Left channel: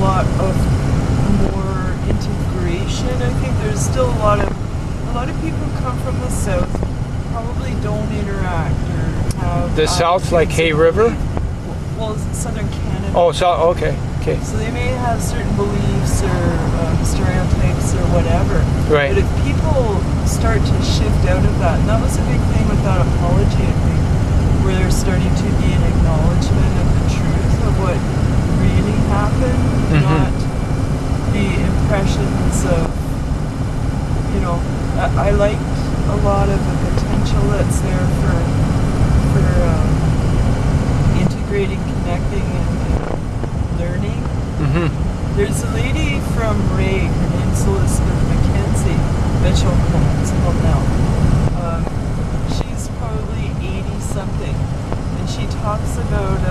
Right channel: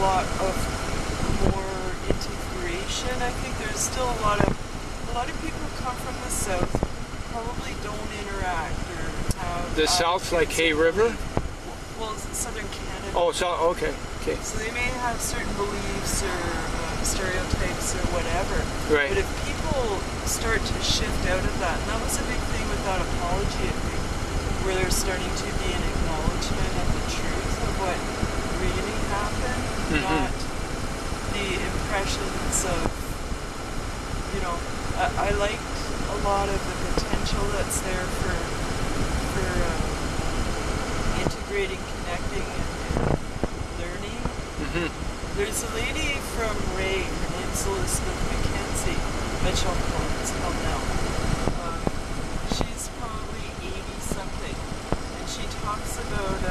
lot of more integration. I think there's still a lot of people who come from the south probably don't interact or have the south, like Hay River. Well, southern Canada. Oh, so okay. So they may have certain beliefs or stereotypes or whatever. Right. But if people start to shift out of that, and that was a big thing with that apology, I think, where there's starting to be an acknowledgement of the truth of what really happened, not the impressions of, you know, I liked a lot of the potential that's there for integrating, connecting, and learning. There's a lady from Ray, her name's Elizabeth Mackenzie, bet you'll know. She's probably 80-something, and she talks about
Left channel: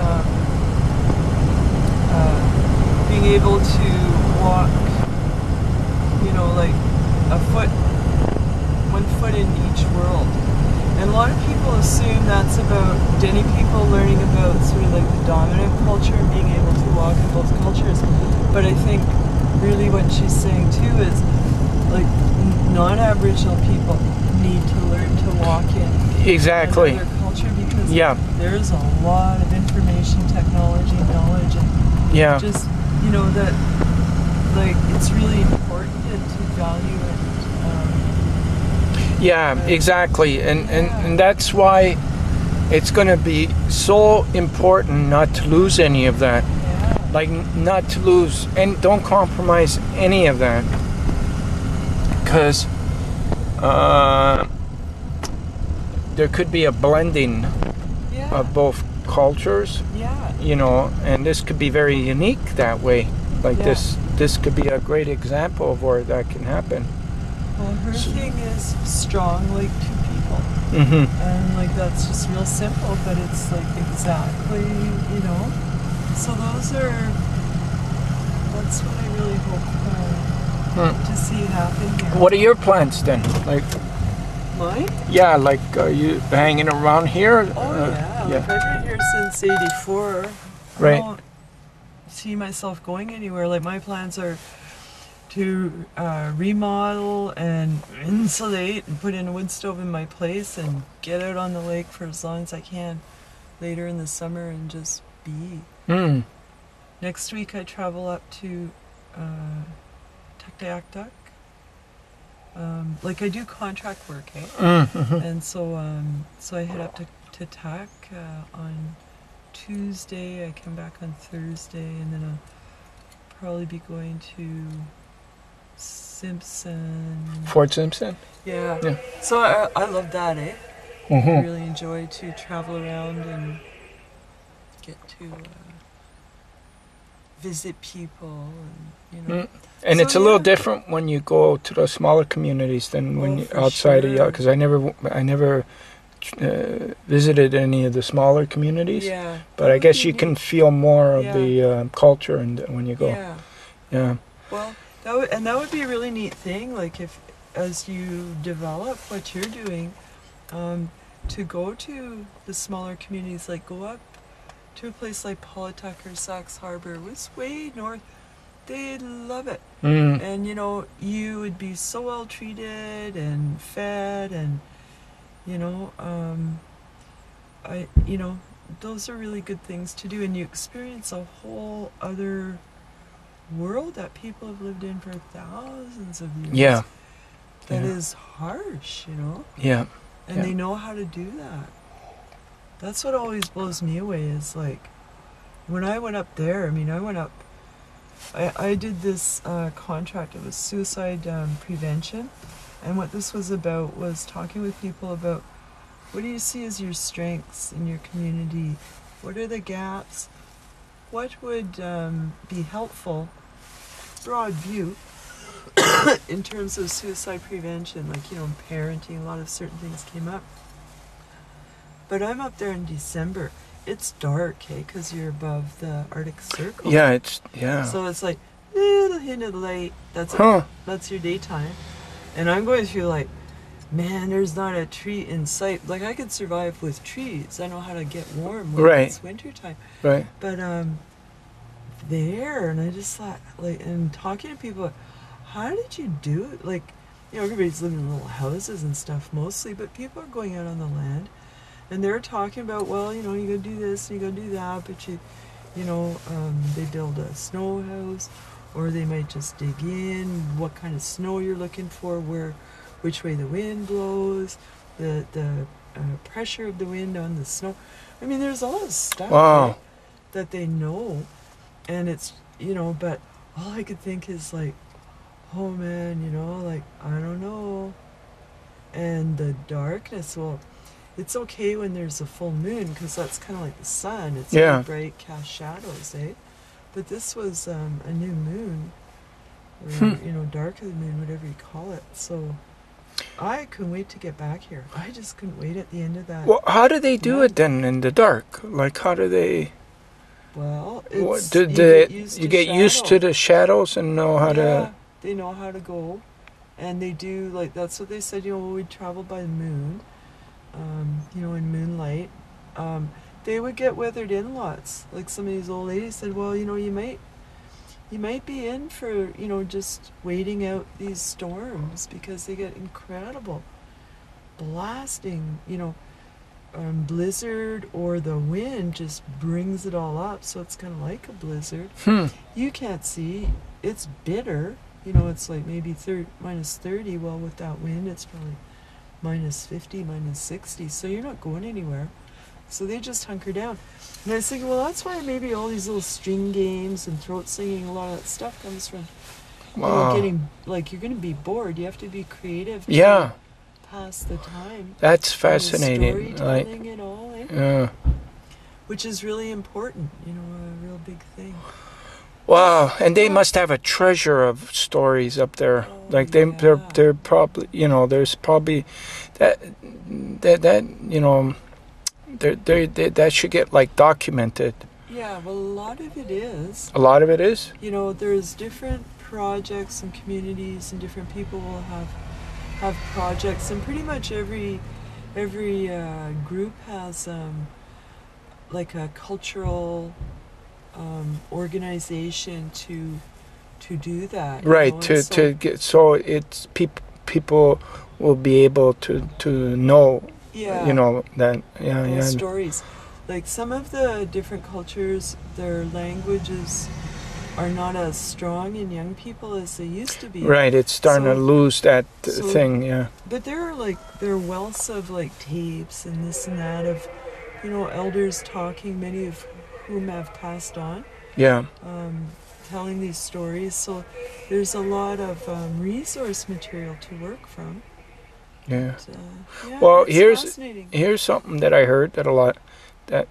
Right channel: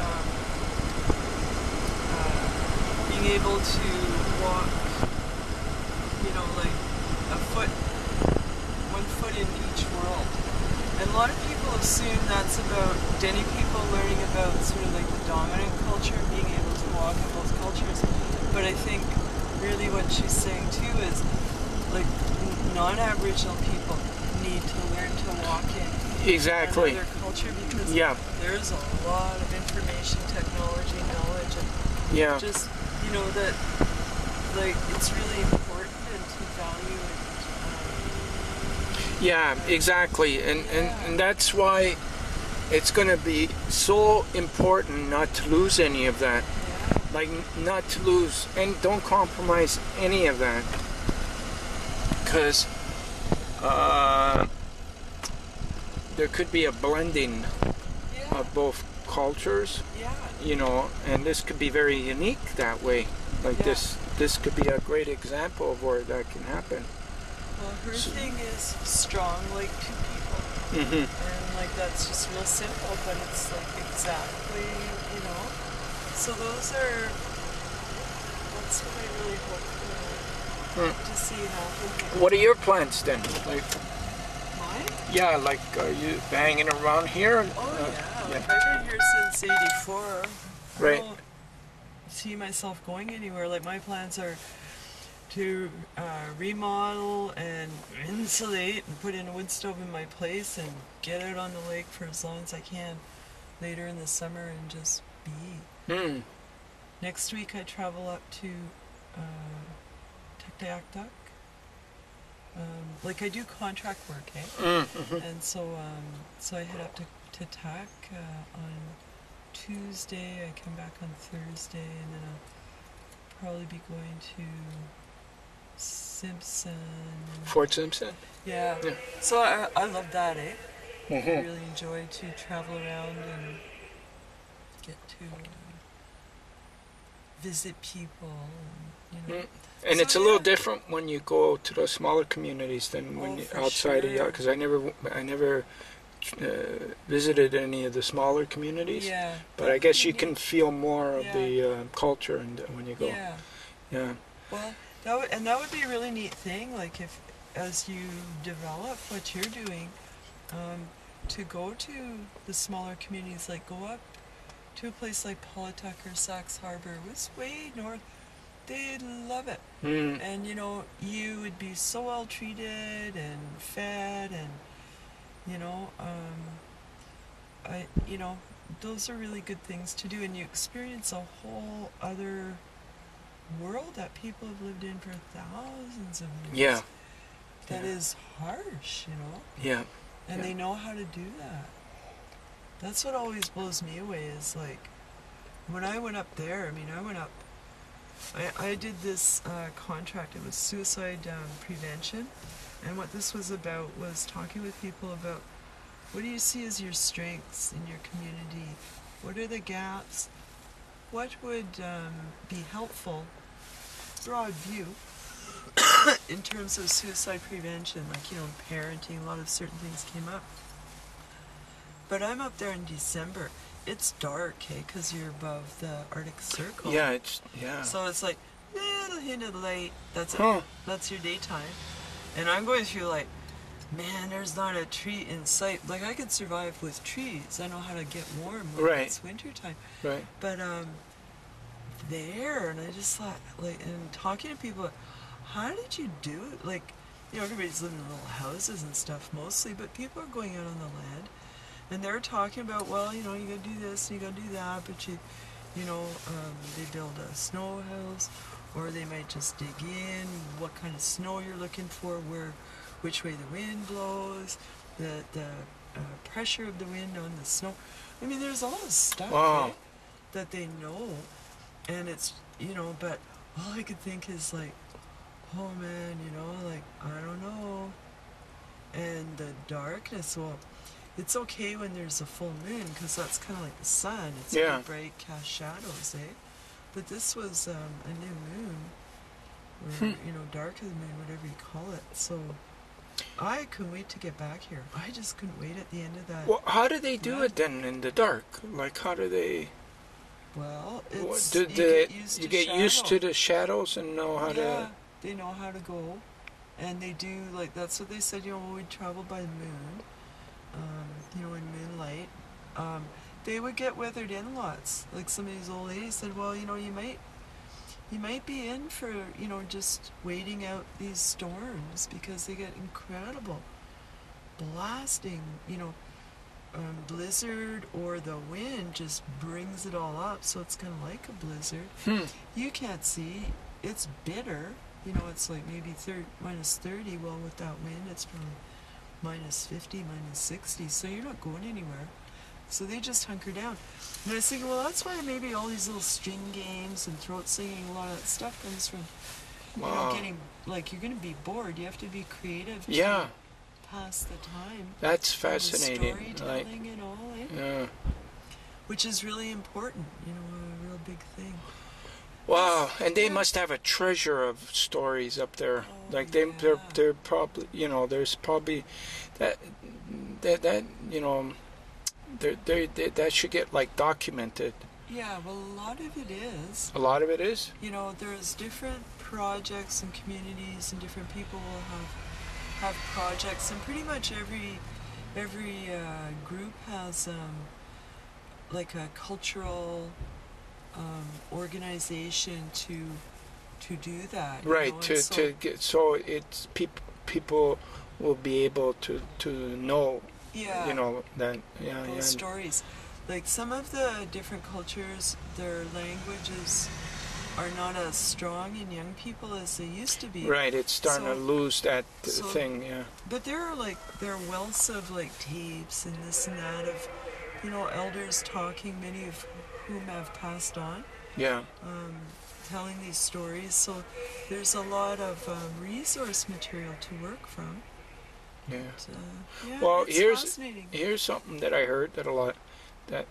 being able to walk, you know, like one foot in each world. And a lot of people assume that's about Denny people learning about sort of like the dominant culture and being able to walk in both cultures. But I think really what she's saying too is like non-Aboriginal people need to learn to walk in another culture because there's a lot of information, technology, knowledge, and just, you know, that like it's really important to value it. Yeah, exactly, and that's why it's going to be so important not to lose any of that. Like, not to lose, and don't compromise any of that, because there could be a blending of both cultures. You know, and this could be very unique that way. Like this could be a great example of where that can happen. Well, her thing is strong like two people. And like that's just real simple, but it's like exactly, you know. So that's what I really hope to see happen here. What are your plans then? Like mine? Yeah, like are you hanging around here? Oh like I've been here since '84. Right. I don't see myself going anywhere. Like my plans are to remodel and insulate and put in a wood stove in my place and get out on the lake for as long as I can later in the summer and just be. Next week I travel up to Tuktoyaktuk. Like I do contract work, and so I head up to Tuk on Tuesday. I come back on Thursday, and then I'll probably be going to Simpson. Fort Simpson? Yeah. So I love that, I really enjoy to travel around and get to visit people, and you know. And so, it's a little different when you go to the smaller communities than when you're outside of because I never visited any of the smaller communities. But I guess you can feel more of the culture and when you go. Well, that would be a really neat thing, like if as you develop what you're doing, to go to the smaller communities, like go up to a place like Polakoff or Sax Harbor, it was way north. They'd love it. And you know, you would be so well treated and fed, and you know, those are really good things to do, and you experience a whole other world that people have lived in for thousands of years. That is harsh, you know. And they know how to do that. That's what always blows me away, is like when I went up there, I did this contract. It was suicide prevention, and what this was about was talking with people about what do you see as your strengths in your community, what are the gaps, what would be helpful, broad view, in terms of suicide prevention, like, you know, parenting, a lot of certain things came up. But I'm up there in December. It's dark, because you're above the Arctic Circle. So it's like little hint of light. That's it. That's your daytime. And I'm going through like, man, there's not a tree in sight. Like I could survive with trees. I know how to get warm when it's wintertime. But there. And I just thought, like, and talking to people, how did you do it? Like, you know, everybody's living in little houses and stuff mostly, but people are going out on the land, and they're talking about, well, you know, you gotta do this and you gotta do that, but you know, they build a snow house, or they might just dig in, what kind of snow you're looking for, which way the wind blows, the pressure of the wind on the snow. I mean, there's all this stuff, right, that they know, and it's, you know, but all I could think is like, oh man, you know, like, I don't know. And the darkness, well, it's okay when there's a full moon, because that's kind of like the sun. It's really bright, cast shadows, eh? But this was a new moon, or, you know, dark of the moon, whatever you call it. So I couldn't wait to get back here. I just couldn't wait at the end of that. Well, how do they do it then in the dark? Like, how do they... Well, it's, you get used to the shadows and know how to... They know how to go, and they do, like, that's what they said, you know, we'd travel by the moon, you know, in moonlight. They would get weathered in lots. Like, some of these old ladies said, well, you know, you might be in for, you know, just waiting out these storms, because they get incredible blasting, you know, blizzard, or the wind just brings it all up, so it's kind of like a blizzard. You can't see, it's bitter. You know, it's like maybe minus 30. Well, with that wind, it's probably minus 50, minus 60. So you're not going anywhere. So they just hunker down. And I was thinking, well, that's why maybe all these little string games and throat singing, a lot of that stuff comes from, you know, getting, like, you're going to be bored. You have to be creative to pass the time. That's fascinating. Storytelling and all, eh? Yeah. Which is really important, you know, a real big thing. Wow, and they must have a treasure of stories up there. Like they're probably, you know, there's probably that you know, that should get like documented. Yeah, well, a lot of it is. A lot of it is? You know, there's different projects and communities, and different people will have projects, and pretty much every group has like a cultural organization to do that. Right, know? to get, so it's people will be able to know. You know that. Those stories. Like, some of the different cultures, their languages are not as strong in young people as they used to be. Right, it's starting to lose that thing, yeah. But there are wealths of, like, tapes and this and that of, you know, elders talking, many of whom have passed on. Yeah. Telling these stories. So there's a lot of resource material to work from. Yeah. But, well, here's something that I heard that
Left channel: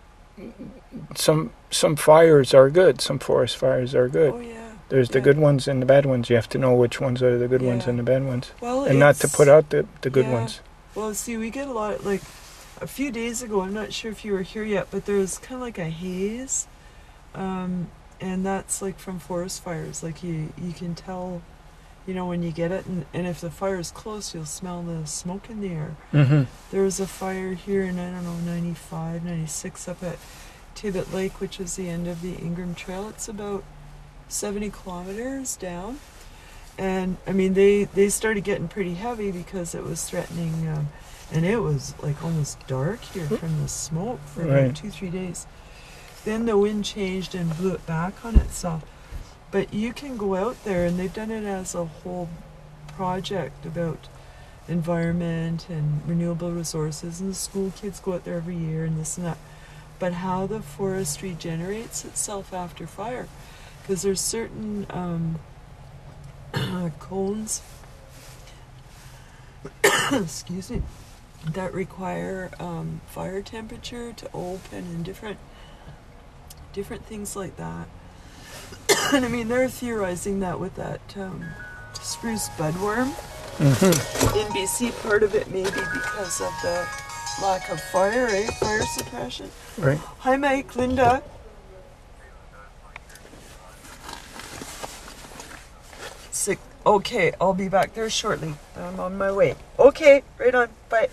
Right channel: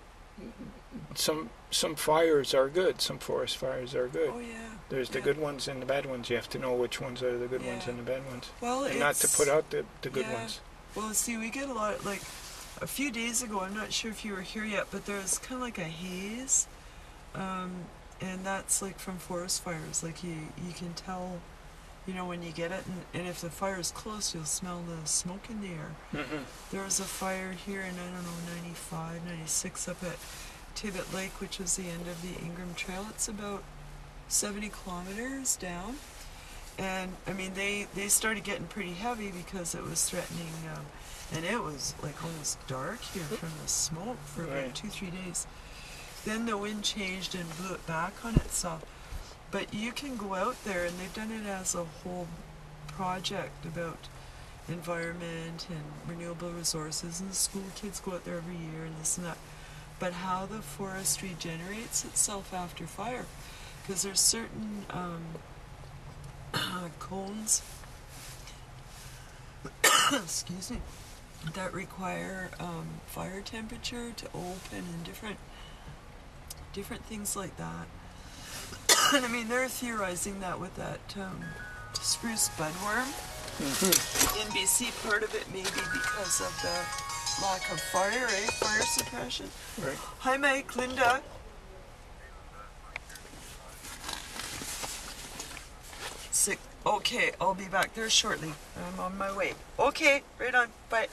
some fires are good, some forest fires are good. Oh yeah. There's the good ones and the bad ones. You have to know which ones are the good ones and the bad ones. Well, and not to put out the good ones. Well, see, we get a lot, like, a few days ago, I'm not sure if you were here yet, but there's kind of like a haze, and that's like from forest fires. Like, you can tell, you know, when you get it, and if the fire is close, you'll smell the smoke in the air. There was a fire here in, I don't know, 95, 96 up at Tibbet Lake, which was the end of the Ingram Trail. It's about 70 kilometers down, and I mean, they started getting pretty heavy because it was threatening, and it was like almost dark here from the smoke for about 2-3 days. Then the wind changed and blew it back on itself. But you can go out there, and they've done it as a whole project about environment and renewable resources, and the school kids go out there every year and this and that. But how the forest regenerates itself after fire, because there's certain cones excuse me, that require fire temperature to open, and different things like that. And I mean, they're theorizing that with that spruce budworm in BC, part of it may be because of the lack of fire, fire suppression. Right. Hi, Mike, Linda. Sick. Okay, I'll be back there shortly. I'm on my way. Okay, right on. Bye.